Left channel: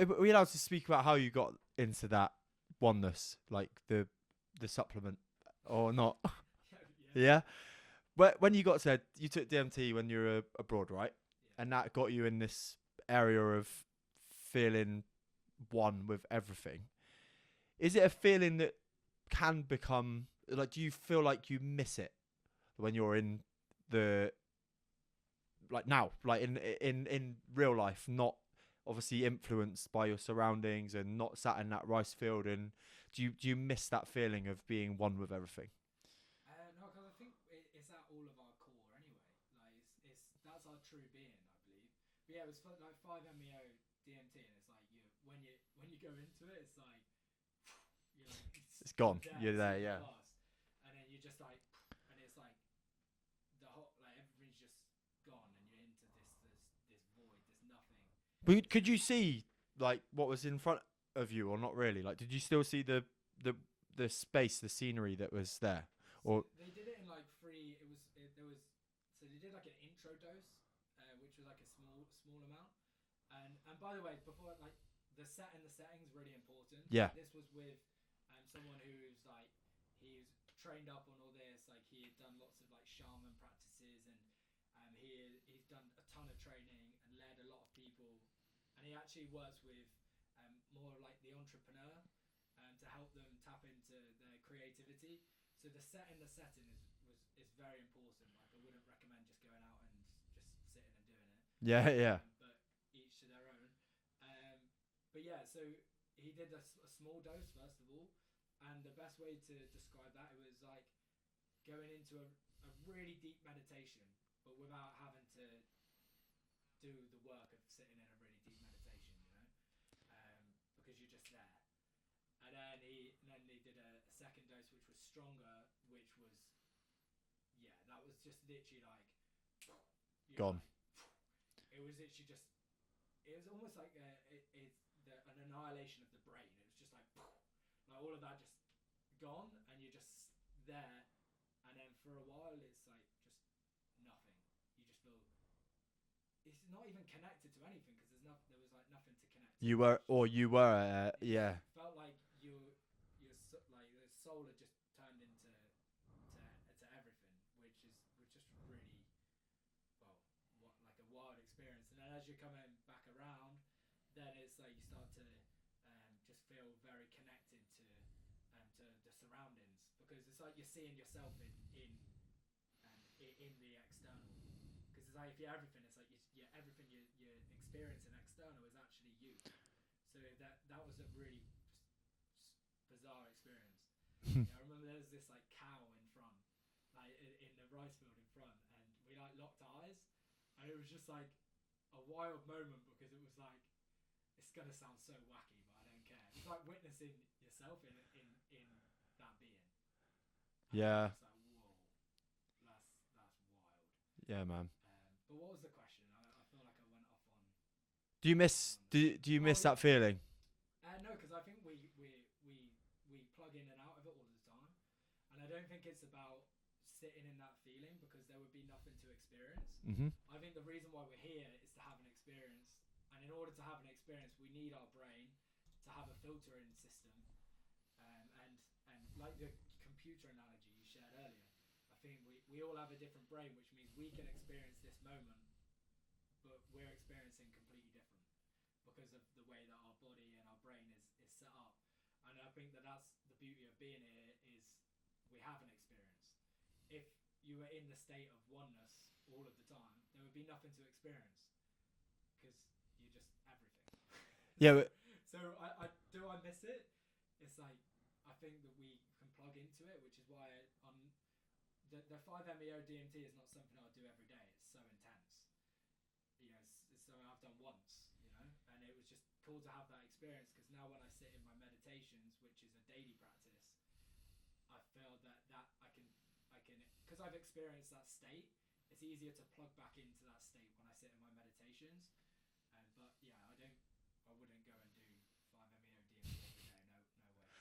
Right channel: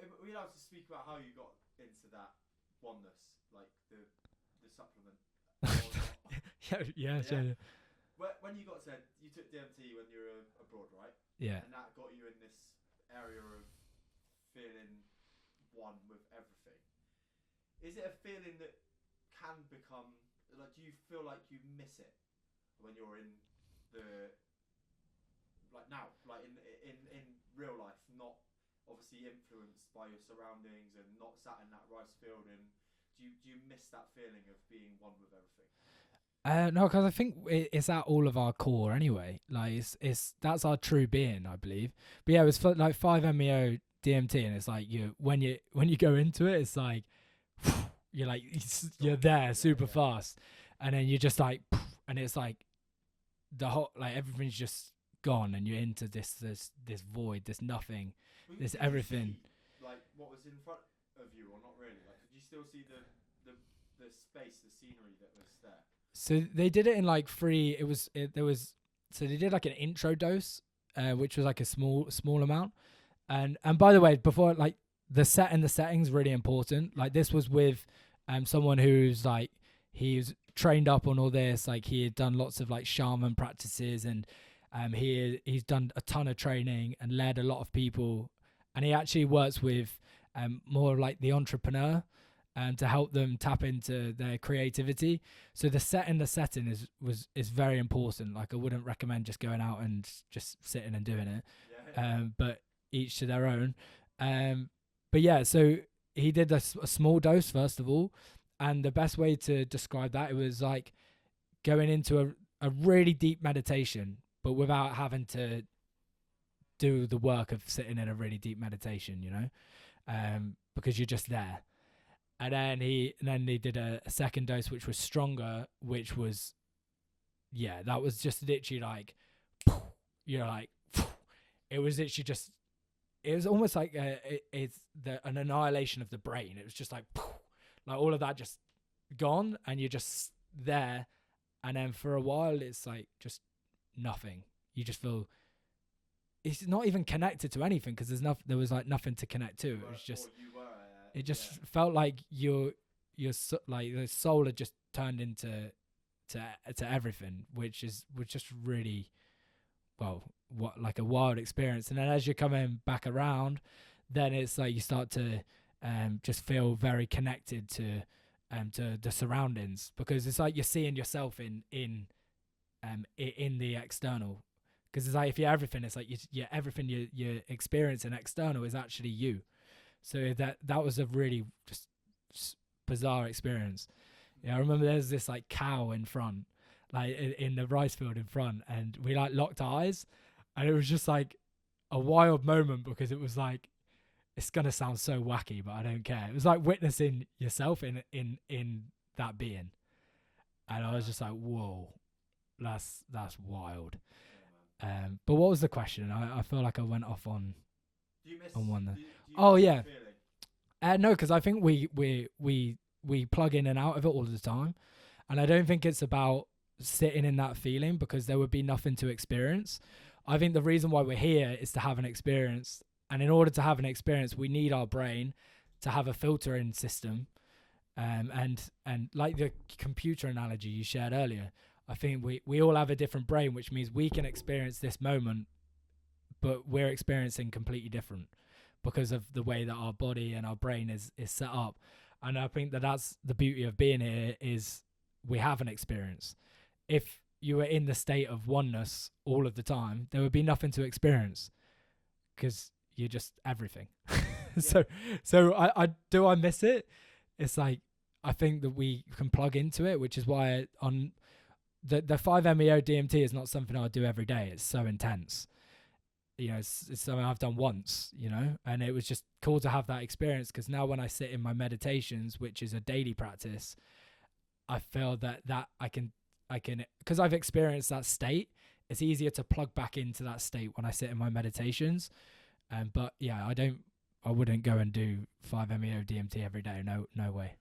Are we allowed to speak about how you got into that oneness, like the supplement, or not? yeah. Yeah. When you took DMT when you were abroad, right? Yeah. And that got you in this area of feeling one with everything. Is it a feeling that can become like? Do you feel like you miss it when you're in the like now, like in real life, not obviously influenced by your surroundings and not sat in that rice field? And do you miss that feeling of being one with everything? No, because I think it's at all of our core anyway. Like it's that's our true being, I believe. But yeah, it was like 5-MeO DMT, and it's like when you go into it, it's like you're like you're there super fast, and then you're just like, and it's like the whole like everything's just gone, and you're into this void, this nothing. But could you see like what was in front of you, or not really? Like, did you still see the space, the scenery that was there? So they did it in like three. So they did like an intro dose, which was like a small amount. And by the way, before like the setting's really important. Yeah. Like this was with someone who's like he's trained up on all this. Like he had done lots of like shaman practices, and he's done a ton of training and led a lot of people. And he actually works with more like the entrepreneur. To help them tap into their creativity. So the setting is very important. Like I wouldn't recommend just going out and just sitting and doing it. Yeah. But each to their own. But yeah, so he did a small dose first of all, and the best way to describe that, it was like going into a really deep meditation, but without having to do the work of sitting in a really deep meditation, because you're just there. And then they did a second dose, which was stronger, which was, that was just literally like, it was literally just, it was almost like an annihilation of the brain. It was just like all of that just gone, and you're just there. And then for a while, it's like just nothing. You just feel it's not even connected to anything because there was like nothing to connect to. It just felt like your like the soul had just turned into everything, which was just really like a wild experience. And then as you're coming back around, then it's like you start to just feel very connected to the surroundings, because it's like you're seeing yourself in the external. Because it's like if you're everything, it's like everything you're experiencing external is actually you. So that was a really just bizarre experience. I remember there's this like cow in front, like in the rice field in front, and we like locked eyes, and it was just like a wild moment, because it was like, it's gonna sound so wacky, but I don't care. It was like witnessing yourself in that being, and I was just like, whoa, that's wild. Yeah, man. But what was the question? I feel like I went off on. Do you miss? Do you miss that feeling? No, because I think we plug in and out of it all the time, and I don't think it's about sitting in that feeling, because there would be nothing to experience. Mm-hmm. I think the reason why we're here is to have an experience, and in order to have an experience, we need our brain to have a filtering system, and like the computer analogy you shared earlier. I think we all have a different brain, which means we can experience this moment, but we're experiencing completely different because of the way that our body and our brain is set up. And I think that's the beauty of being here, is we have an experience. If you were in the state of oneness all of the time, there would be nothing to experience, because you're just everything. Yeah. So I miss it. It's like, I think that we can plug into it, which is why on the 5-MeO DMT is not something I do every day. It's so intense. It's something I've done once, and it was just cool to have that experience, because now when I sit in my meditations, which is a daily practice, I feel that I can, because I've experienced that state, it's easier to plug back into that state when I sit in my meditations. But yeah, I wouldn't go and do 5-MeO DMT every day. No way.